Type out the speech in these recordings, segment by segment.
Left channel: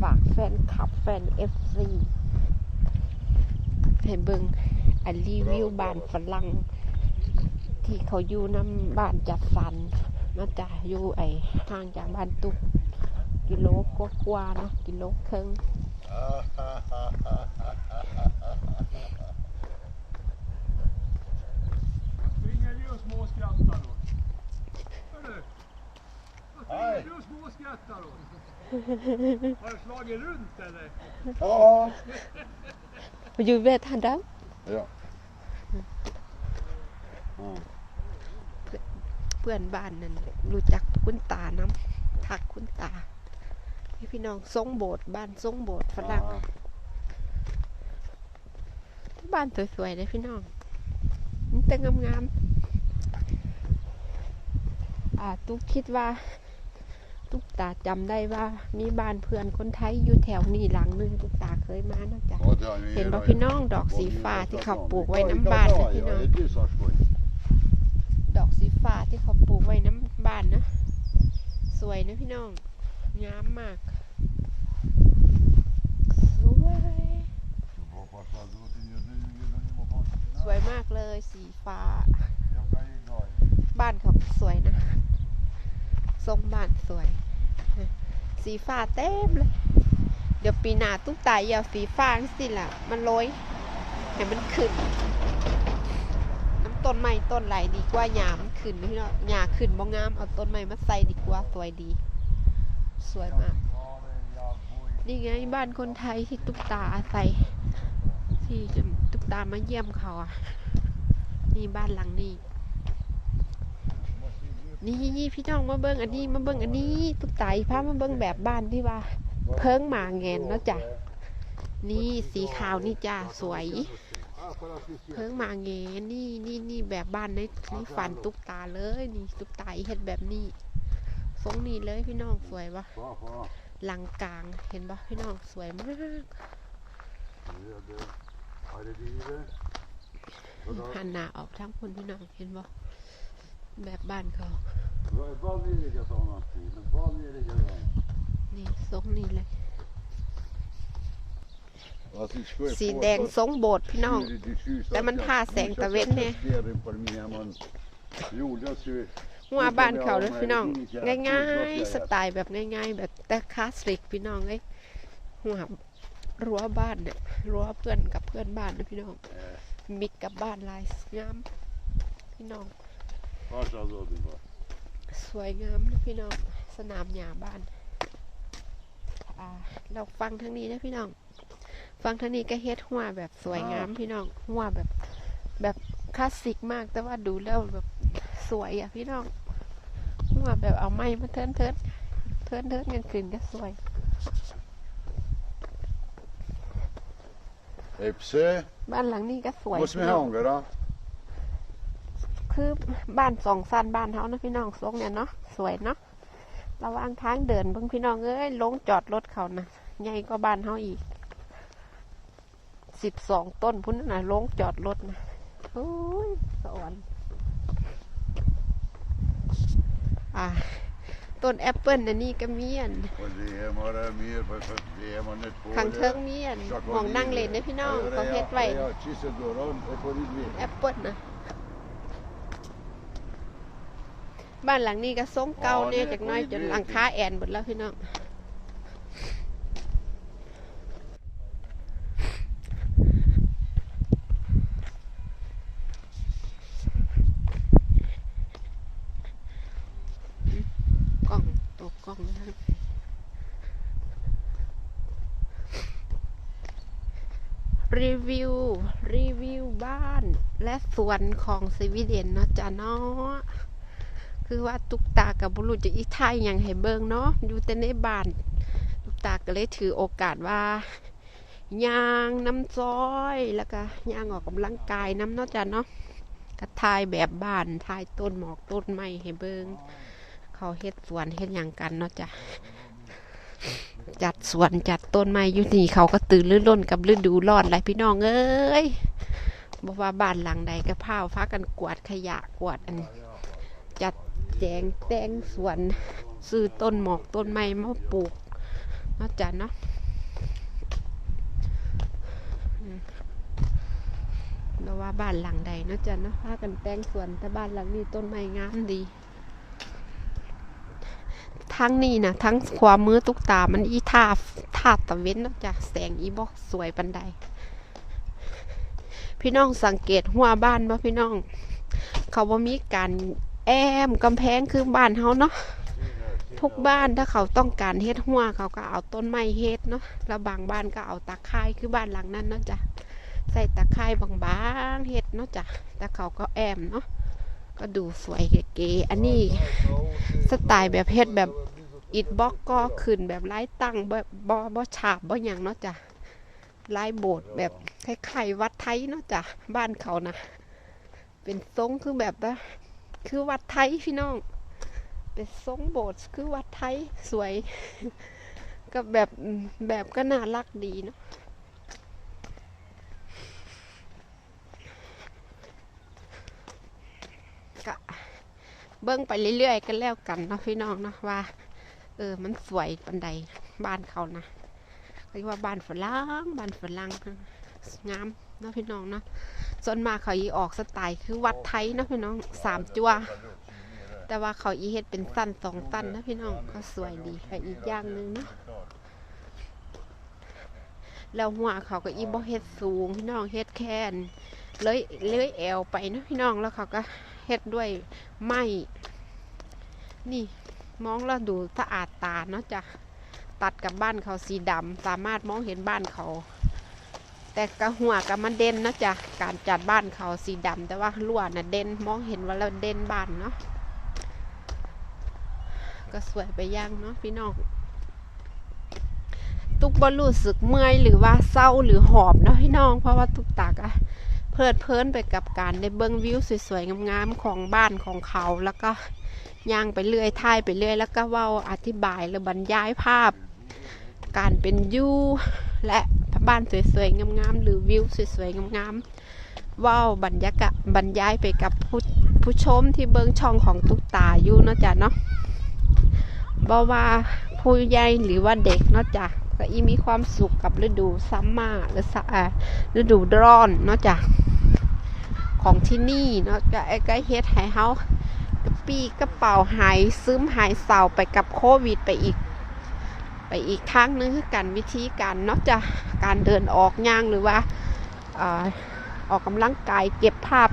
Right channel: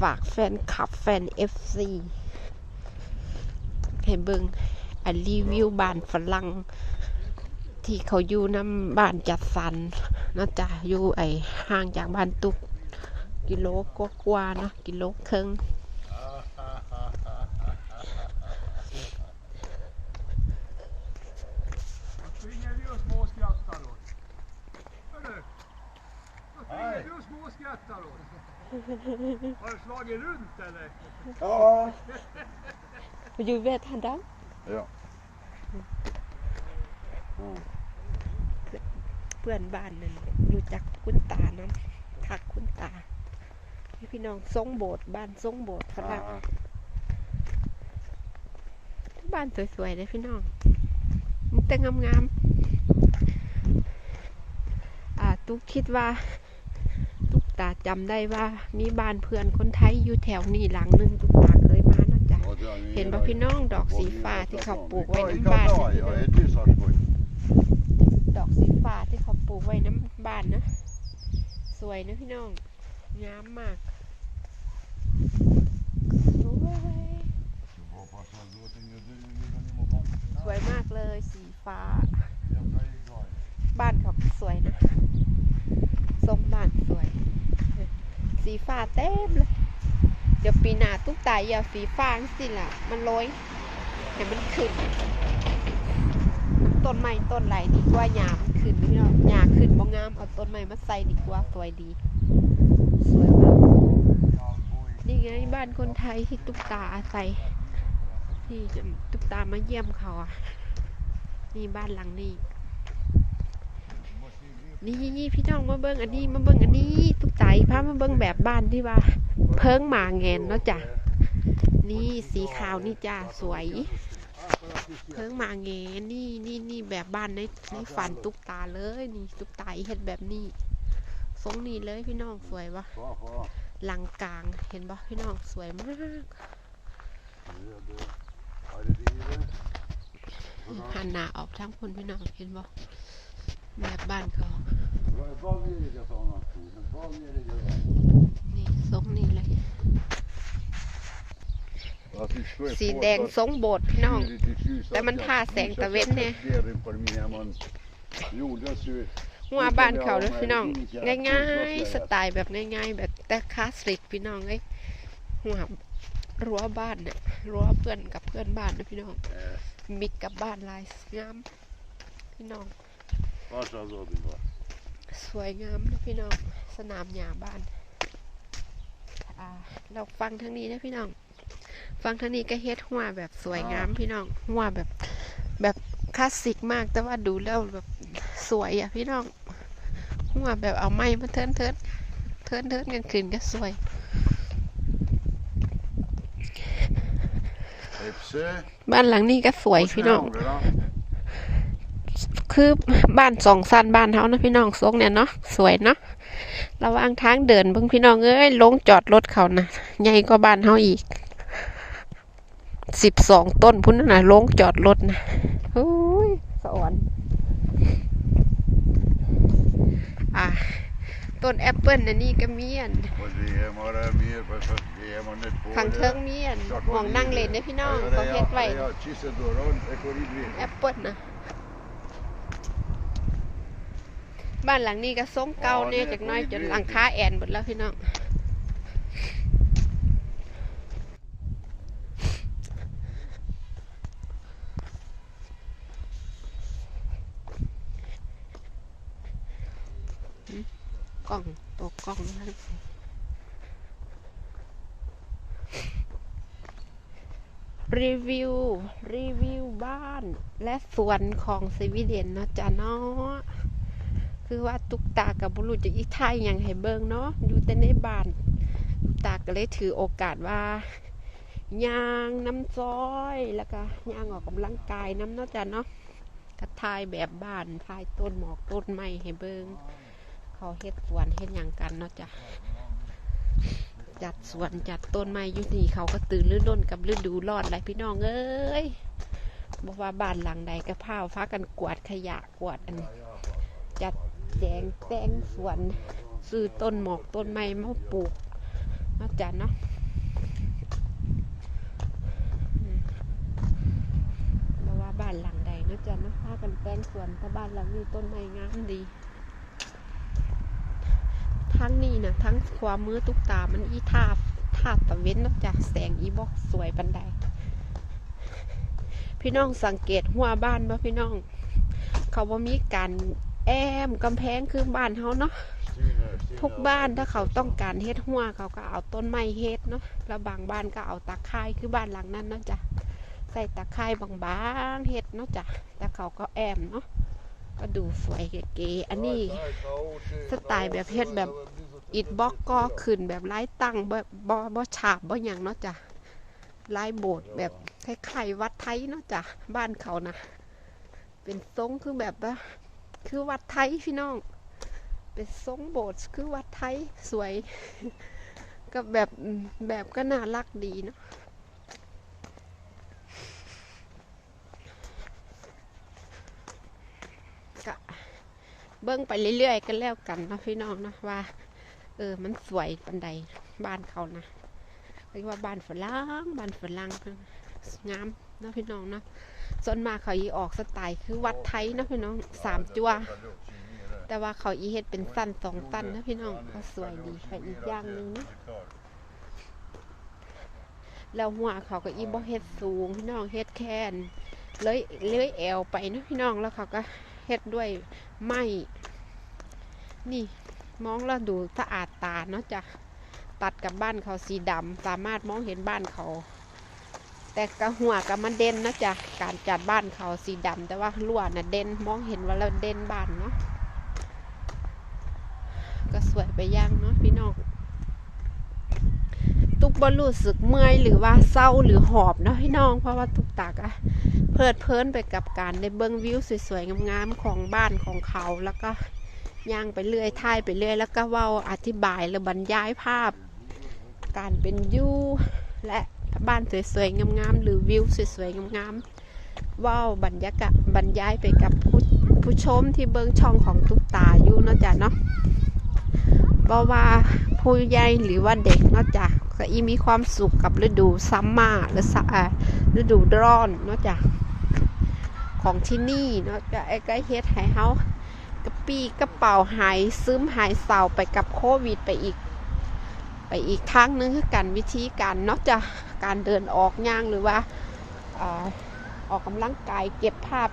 ฝากแฟนคลับแฟนเอฟซีให้เบิงอันรีวิวบ้านฝรั่งที่เขาอยู่น้ำบ้านจัดสรรนะจ้ะอยู่ไอห่างจากบ้านตุก กิโลกว่าๆนาะกิโลครึ่ง vi och småskrattar då? Hörru! Då springer du och småskrattar då? Har du slagit runt eller? Ja. มาอยู่เวททันดัง Ja. Ja. เพื่อนบ้านนั่นรู้จักคุณตาน้ำทักคุณตาให้พี่น้องทรงโบสถ์บ้านทรงโบสถ์ฝรั่งบ้านสวยๆเลยพี่น้องมันแต่งามๆอ่าตุ๊กคิดว่า ตุ๊กตาจำได้ว่ามีบ้านเพื่อนคนไทยอยู่แถวนี้หลังหนึงตุ๊กตาเคยมานะจ๊ะเห็นป่ะพี่น้องดอกสีฟ้าที่เขาปลูกไว้น้ำบ้านนะพี่น้อง Ja, det är sant. ดอกสีฟ้าที่เขาปลูกไว้น้ำบ้านนะ สวยนะพี่น้องงามมากสวยสวยมากเลยสีฟ้า บ้านเขาก็สวยนะทรงบ้านสวย สีฟ้าเต็มเลย เดี๋ยวปีหน้าตุ๊กตายเอาสีฟ้าสิล่ะ มันโรยให้มันขึ้น น้ำต้นไม้ต้นไหลดีกว่าหญ้ามันขึ้นพี่น้องหญ้าขึ้นบ่งามเอาต้นไม้มาใส่ดีกว่าสวยดี สวยมาก นี่ไงบ้านคนไทยที่ตุ๊กตาอาศัยที่ตุ๊กตามาเยี่ยมเขาอะ นี่บ้านหลังนี้ นี่พี่น้องมาเบิ้งอันนี้มาเบิ้งอันนี้ตุ๊กตาพามาเบิ้งแบบบ้านที่ว่า เพิ่งมาแงนเนาะจ้ะนี่สีขาวนี่จ้าสวย เพิ่งมาแงนนี่นี่นี่แบบบ้านในในฝันตุ๊กตาเลยนี่ตุ๊กตาเฮ็ดแบบนี้ทรงนี้เลยพี่น้องสวยปะหลังกลางเห็นปะพี่น้องสวยมากหันหน้าออกทั้งคนพี่น้องเห็นบ่ แบบบ้านเขานี่ทรงนี้เลย สีแดงทรงโบสถ์พี่น้อง แต่มันท่าแสงตะเว้นเนี่ยหัวบ้านเขาเลยพี่น้อง ง่ายๆ สไตล์แบบง่าย ๆ แบบแต่คลาสสิกพี่น้องเลยหัวรั้วบ้านเนี่ยรั้วเพื่อนกับเพื่อนบ้านนะพี่น้องมิกกับบ้านลายงามพี่น้อง สวยงามนะพี่น้องสนามหญ้าบ้านอ่าเราฟังทางนี้นะพี่น้อง ฟังทางนี้ก็เฮ็ดหัวแบบสวยงามพี่น้องหัวแบบแบบคลาสสิกมากแต่ว่าดูแล้วแบบสวยอะพี่น้องหัวแบบเอาไม้มาเทินเทินเทินเทินกันขึ้นก็สวยบ้านหลังนี้ก็สวยพี่น้อง คือบ้านสองสั้นบ้านเฮานะพี่น้องทรงเนี่ยเนาะสวยเนาะระว่างทางเดินเบิ่งพี่น้องเอ้ยลงจอดรถเขานะใหญ่กว่าบ้านเฮาอีกสิบสองต้นพุ่นนน่ะลงจอดรถนะโอ้ยสวรรค์อะต้นแอปเปิลอันนี้ก็มีอันขังเทิงเมีอันหมองนั่งเล่นเนี่ยพี่น้องเขาเฮ็ดไว้แอปเปิลนะ บ้านหลังนี้ก็ทรงเก่าเนี่ยจากน้อยจนหลังคาแอนหมดแล้วพี่น้องกล้องตัวกล้องนั่นรีวิว รีวิวบ้านและสวนของสวีเดนเนาะจ้ะเนาะ คือว่าตุกตากับบุรุษจะอีไทยอย่างให้เบิงเนาะอยู่แต่ในบ้านตุกตาก็เลยถือโอกาสว่าย่างน้ำซอยแล้วก็ย่างออกกำลังกายน้ำเนาะจ้ะเนาะก็ทายแบบบ้านทายต้นหมอกต้นไม้ให้เบิงเขาเฮ็ดสวนเฮ็ดอย่างกันเนาะจ้ะจัดสวนจัดต้นไม้อยู่นี่เขาก็ตื่นรื่นร่นกับฤดูร้อนไรพี่น้องเอ้ยบอกว่าบ้านหลังใดก็พาวพากันกวาดขยะกวาดอันจัด แจงแต่งสวนซื้อต้นหมอกต้นไม้มาปลูกเนาะจ้ะเนาะเราว่าบ้านหลังใดนาะจ้ะเนาะพากันแต่งสวนแต่บ้านหลังนี้ต้นไม้งามดี ทั้งนี้นะทั้งความมือตุกตามันอีทาทาตะเว้นนาะจ้ะแสงอีบอกสวยปันใดพี่น้องสังเกตหัวบ้านบ่พี่น้อง เขาบ่มีการ อมกำแพงคือบ้านเฮาเนาะทุกบ้านถ้าเขาต้องการเฮ็ดหัวเขาก็เอาต้นไม้เฮ็ดเนาะแล้วบางบ้านก็เอาตะไคร้คือบ้านหลังนั้นเนาะจ้ะใส่ตะไคร้บางๆเฮ็ดเนาะจ้ะแต่เขาก็แอมเนาะก็ดูสวยเก๋ๆอันนี้สไตล์แบบเฮ็ดแบบอิฐบล็อกก็ขึ้นแบบไร้ตั้งแบบบ่บ่ฉาบบ่หยังเนาะจ้ะลายโบสถ์แบบคล้ายๆวัดไทยเนาะจ้ะบ้านเขานะเป็นทรงคือแบบว่า คือวัดไทยพี่น้อง เป็นทรงโบสถ์คือวัดไทยสวยก็แบบแบบก็น่ารักดีเนาะก็เบิ้งไปเรื่อยๆกันแล้วกันเนาะพี่น้องเนาะว่า เออมันสวยปันใดบ้านเขานะเรียกว่าบ้านฝรั่งบ้านฝรั่งงามเนาะพี่น้องเนาะ ส่วนมากเขาอีออกสไตล์คือวัดไทยนะพี่น้องสามจัวแต่ว่าเขาอีเฮ็ดเป็นสั้นสองสั้นนะพี่น้องก็สวยดีค่ะอีกอย่างหนึ่งนะแล้วหัวเขาก็อีบ่เฮ็ดสูงพี่น้องเฮ็ดแคนเลยเลยแอวไปนะพี่น้องแล้วเขาก็เฮ็ดด้วยไม้นี่มองแล้วดูสะอาดตาเนาะจ้ะตัดกับบ้านเขาสีดำสามารถมองเห็นบ้านเขา แต่กระหัวกับมันเด่นนะจ๊ะการจัดบ้านเขาสีดำแต่ว่าลวดน่ะเด่นมองเห็นว่าเราเด่นบ้านเนาะก็สวยไปย่างเนาะพี่น้องตุกบรู้สึกเมื่อยหรือว่าเศร้าหรือหอบเนาะพี่น้อง เพราะว่าตุกตากอะเพลิดเพลินไปกับการได้เบิ้งวิวสวยๆงามๆของบ้านของเขาแล้วก็ย่างไปเรื่อยท่ายไปเรื่อย แล้วก็เว้าอธิบายหรือบรรยายภาพ การเป็นยูและ บ้านสวยๆงามๆหรือวิวสวยๆงามๆเว้าบรรยากาศบรรยายไปกับผู้ผู้ชมที่เบิ้งช่องของตุกตาอยู่เนาะจ้ะเนาะบ่ว่าผู้ใหญ่หรือว่าเด็กเนอกจากก็อีมีความสุขกับฤดูซัมมาหรือสะฤดูร้อนเนอกจากของที่นี่เนาะจะไอ้ก็เฮ็ดให้เฮากระปี้กระเป๋าหายซึมหายเศร้าไปกับโควิดไปอีก ไปอีกทางนึงคือการวิธีการนอกจากการเดินออกย่างหรือว่าออกกำลังกายเก็บภาพ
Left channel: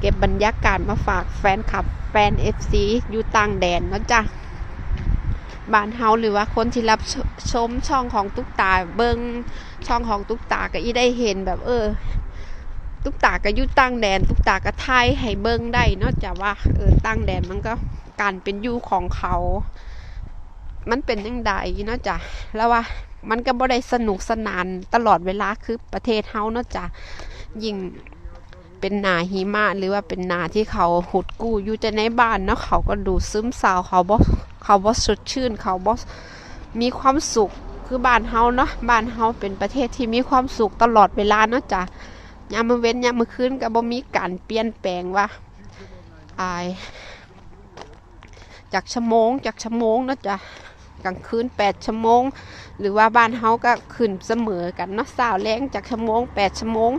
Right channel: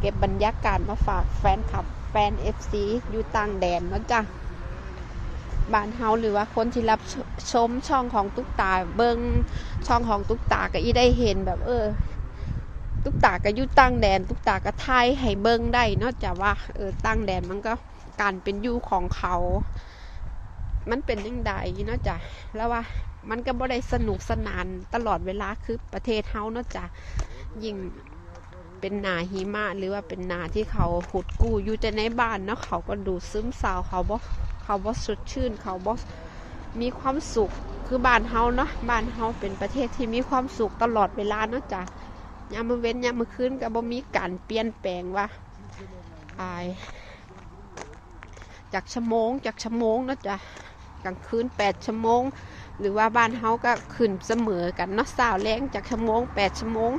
เก็บบรรยากาศมาฝากแฟนคลับแฟน FC อยู่ต่างแดนเนาะจ้ะบ้านเฮาหรือว่าคนที่รับชชมช่องของตุ๊กตาเบิงช่องของตุ๊กตาก็อีได้เห็นแบบเออ ตุ๊กตาก็อยู่ตั้งแดน ตุ๊กตาก็ไทยให้เบิงได้นอกจากว่าเออตั้งแดนมันก็การเป็นอยู่ของเขา มันเป็นยังไงเนาะจ้ะแล้วว่ามันก็บ่ได้สนุกสนานตลอดเวลาคือประเทศเฮาเนาะจ้ะยิ่งเป็นนาหิมะหรือว่าเป็นนาที่เขาหุดกู้อยู่แต่ในบ้านเนาะเขาก็ดูซึมเศร้าเขาบ่เขาบ่สดชื่น เขาบ่มีความสุขคือบ้านเฮาเนาะบ้านเฮาเป็นประเทศที่มีความสุขตลอดเวลาเนาะจ้ะยามมื้อเว้นยามมื้อคืนก็บ่มีการเปลี่ยนแปลงว่าอายจากชั่วโมงจากชั่วโมงเนาะจ้ะ กลางคืน8ชั่วโมง หรือว่าบ้านเฮาก็ขึ้นเสมอกันเนาะสาวแรงจากชั่วโมง8ชั่วโมง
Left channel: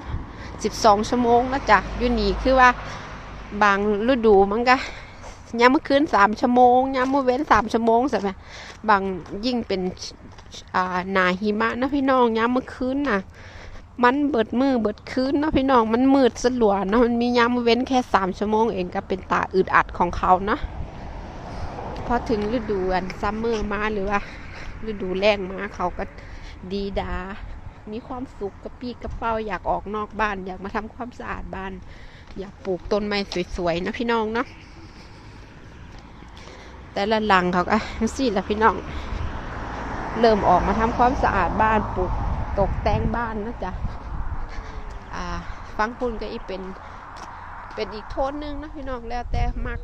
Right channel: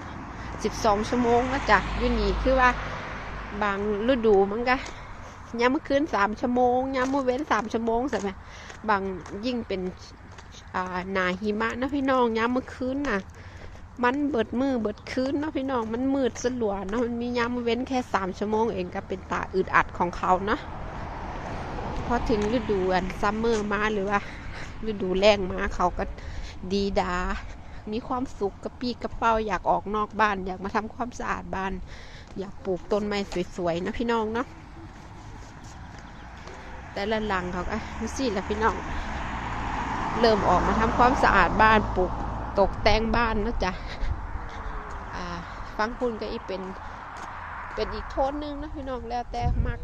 สิบสองชั่วโมงนะจ๊ะอยู่นี่คือว่าบางฤดูมันก็ยามเมื่อคืนสามชั่วโมงยามเมื่อเว้นสามชั่วโมงใช่ไหมบางยิ่งเป็นอ่าหนาหิมะนะพี่น้องยามเมื่อคืนน่ะ มันเบิดมือเบิดคืนเนาะพี่น้องมันมืดสลัวเนาะมันมียามเว้นแค่สามชั่วโมงเองก็เป็นตาอึดอัดของเขานะ พอถึงฤดูอันซัมเมอร์มาหรือว่าฤดูแรงมาเขาก็ดีดา มีความสุขกระปี้กระเป๋าอยากออกนอกบ้าน อยากมาทำความสะอาดบ้าน อยากปลูกต้นไม้สวยๆนะพี่น้องเนาะแต่ละหลังเขาก็สิละพี่น้อง เริ่มออกมาทำความสะอาดบ้านปลูกตกแต่งบ้านนะจ๊ะอ่าฟังคุณก็อีเป็นเป็นอีกโทนหนึงนะพี่น้องแล้วแต่มัก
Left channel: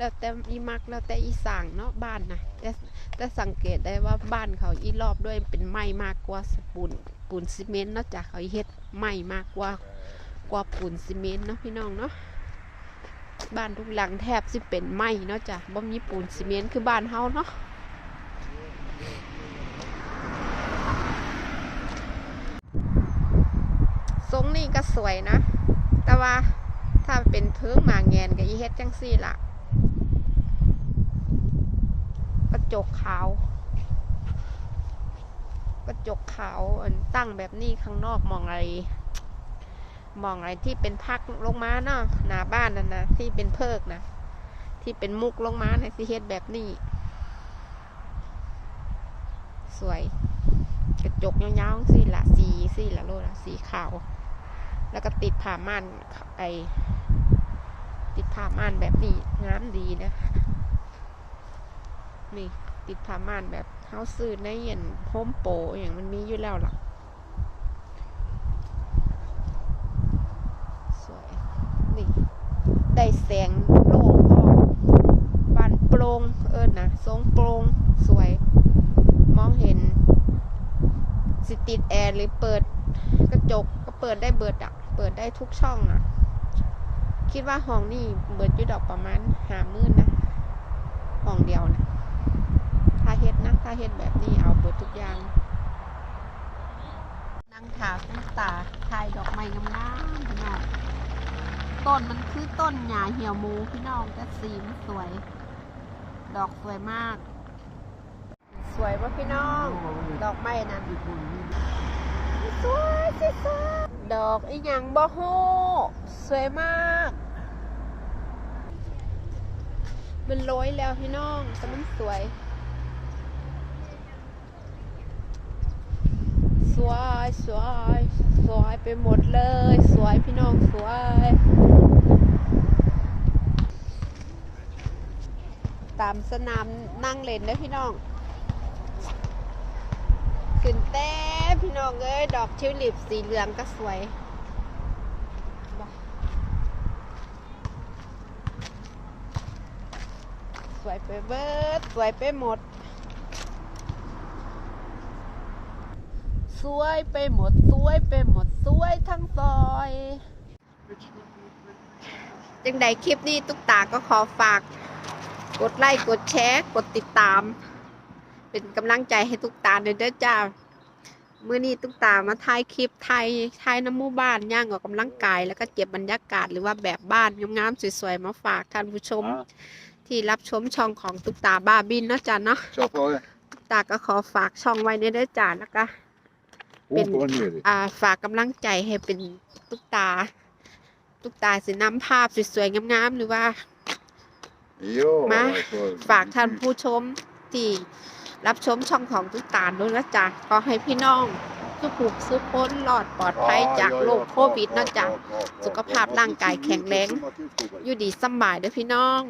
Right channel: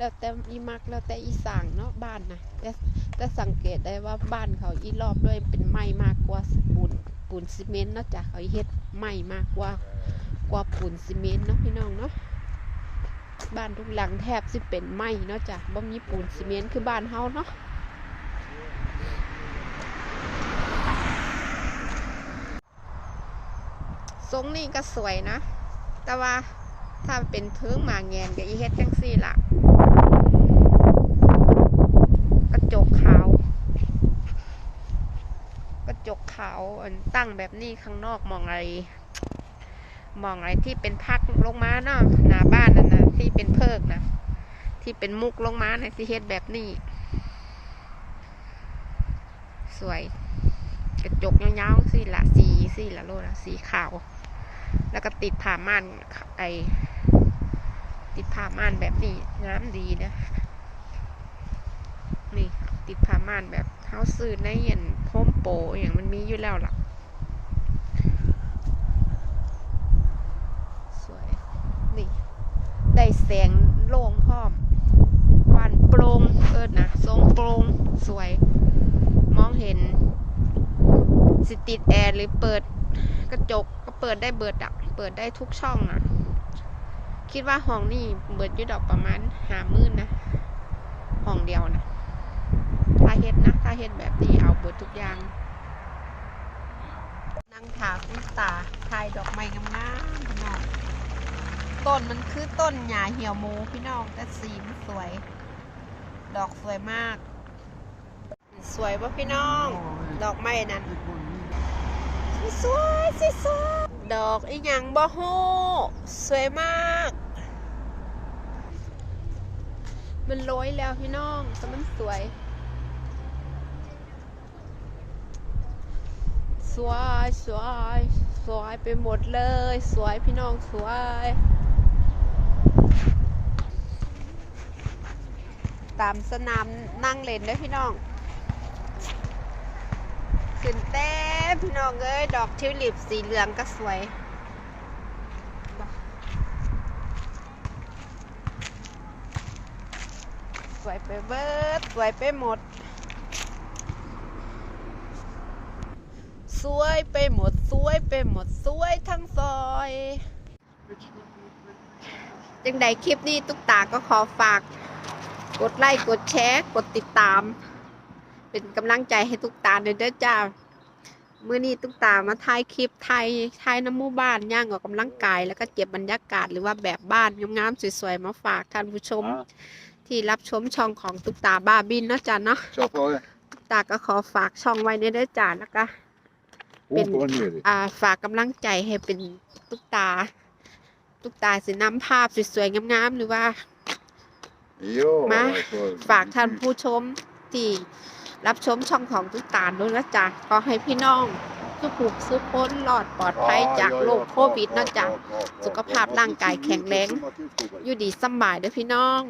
แล้วแต่อีมักแล้วแต่อีสางเนาะบ้านนะแต่แต่สังเกตได้ว่าบ้านเขาอีรอบด้วยเป็นไม้มากกว่าปูนปูนซีเมนต์นะจ๊ะเขาเฮ็ดไม้มากกว่ากว่าปูนซีเมนต์เนาะพี่น้องเนาะบ้านทุกหลังแทบสิเป็นไม้เนาะจ้ะบ่มีปูนซีเมนต์คือบ้านเฮาเนาะทรงนี่ก็สวยนะ แต่ว่าถ้าเป็นเพิงหมาแงนก็อีเฮ็ดจังซี่ล่ะ จกขาว กระจกขาวอันตั้งแบบนี้ข้างนอกมองอะไร มองอะไรที่เป็นพักลงมาเนาะหน้าบ้านนั่นนะที่เป็นเพิกนะที่เป็นมุกลงมาในสิเฮ็ดแบบนี้ สวย กระจกยาวๆสิละสีสิละโลละสีขาว แล้วก็ติดผ้าม่านไอติดผ้าม่านแบบนี้งามดีนะ นี่ ติดผ้าม่านแบบเฮาซื้อในเย็นโฮมโปอย่างมันมีอยู่แล้วล่ะ สวย นี่ ได้แสงโล่งพ่อวานโปร่งเอิญนะทรงโปร่งสวย มองเห็น สิติดแอร์หรือเปิดกระจกก็เปิดได้เบิดอะเปิดได้ทุกช่องอะคิดว่าห้องนี่เบิดยู่ดอกประมาณหามื่นนะ ห้องเดียวนะาเฮ็ดนะถ้าเฮ็ดแบบนี้เอาเบิดทุกอย่างนั่งถาคุณตาถ่ายดอกไม้งามๆพี่น้องต้นมันคือต้นหญ้าเหี่ยวมูพี่น้องแต่สีมันสวย ดอกสวยมาก สวยป่ะพี่น้อง ดอกไม้นั่นสวยสวยสวยดอกอีหยังบ่โฮสวยมาก มันโรยแล้วพี่น้องแต่มันสวย วยสวยสวยไปหมดเลย สวยพี่น้องสวยตามสนามนั่งเล่นเด้พี่น้องขึ้นเต้พี่น้องเอ้ยดอกทิวลิปสีเหลืองก็สวยสวยไปเบิดสวยไปหมด สวยไปหมดสวยไปหมดสวยทั้งซอย จังใดคลิปนี้ตุ๊กตาก็ขอฝาก กดไลค์กดแชร์ กดติดตาม เป็นกำลังใจให้ตุ๊กตาเด้อเด้อจ้ามื่อนี้ตุ๊กตามาถ่ายคลิปไทยไทยน้ำหมู่บ้านย่างออกกำลังกายแล้วก็เก็บบรรยากาศหรือว่าแบบบ้านงามๆสวยๆมาฝากท่านผู้ชม ที่รับชมช่องของตุ๊กตาบ้าบินเนาะจ้ะเนาะ Kör på det. ตุ๊กตาก็ขอฝากช่องไว้ในเด้อจ้าแล้วก็ Upp och ner. อ่าฝากกำลังใจให้เป็นตุ๊กตา ตุ๊กตาสินำภาพสวยๆงามๆหรือว่า Ja, Ma, alltså, ฝากท่านผู้ชมที่รับชมช่องของตุ๊กตาด้วยนะจ๊ะขอให้พี่น้องทุกผูกสุขพ้นรอดปลอดภัย Ja, จาก ja, โร ja, คโควิด ja, นะจ๊ะ ja, ja, ja, สุข ja, ภาพ ja, ร่างกายแข็งแรง ja, ja, อยู่ดีสำบายเด้อพี่น้อง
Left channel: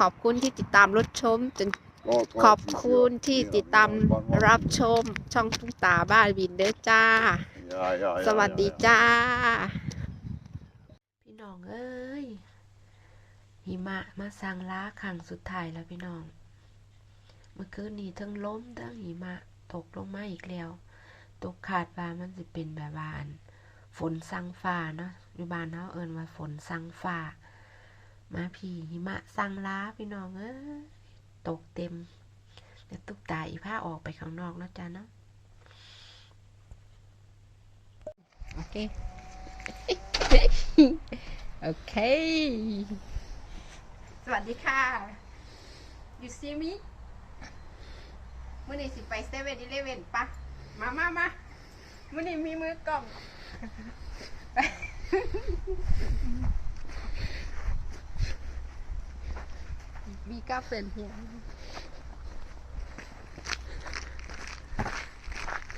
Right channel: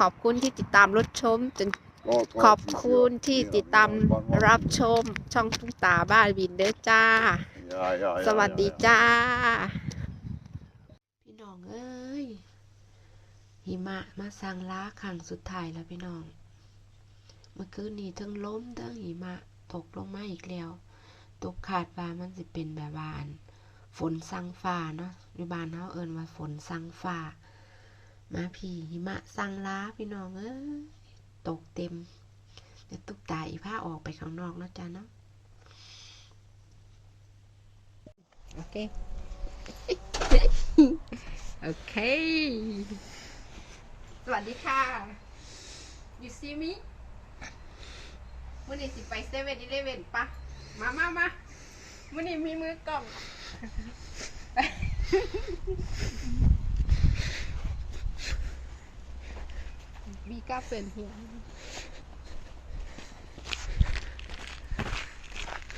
ขอบคุณที่ติดตามรับชมจน ja, ขอบคุณที่ติดตามรับชมช่องตุ๊กตาบ้านบินเด้อจ้า Ja, ja, ja, สวัสดี ja, ja. จ้า พี่น้องเอ้ย หิมะมาสั่งล้าครั้งสุดท้ายแล้วพี่น้อง เมื่อคืนนี้ทั้งล้มทั้งหิมะตกลงมาอีกแล้ว ตกขาดว่ามันสิเป็นแบบว่าอันฝนสั่งฟ้าเนาะอยู่บ้านเฮาเอิ้นว่าฝนสั่งฟ้า มาพี่หิมะสั่งล้าพี่น้องเอ้ย ตกเต็มเดี๋ยวตุกตาอีผ้าออกไปข้างนอกเนาะจ้าเนาะโอเค โอเค สวัสดีค่ะ you see me มื่อนี้สิไปเซเว่นอีเลเว่นปะ มามามามื่อนี้มีมือกล่องไป we garden here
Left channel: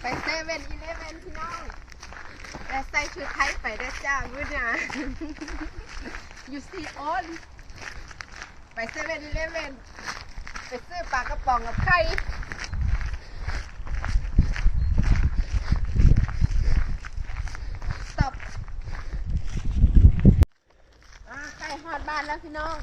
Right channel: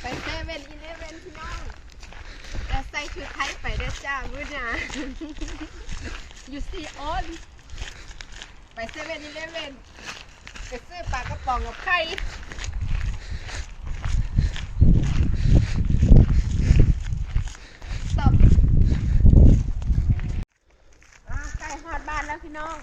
ไปเซเว่นอีเลเว่นพี่น้องแต่ใส่ชุดไทยไปได้จ้ามื้อน้า you see all ไปเซเว่นอีเลเว่นไปซื้อปลากระป๋องกับไข่ตบไก่ฮอดบ้านแล้วพี่น้อง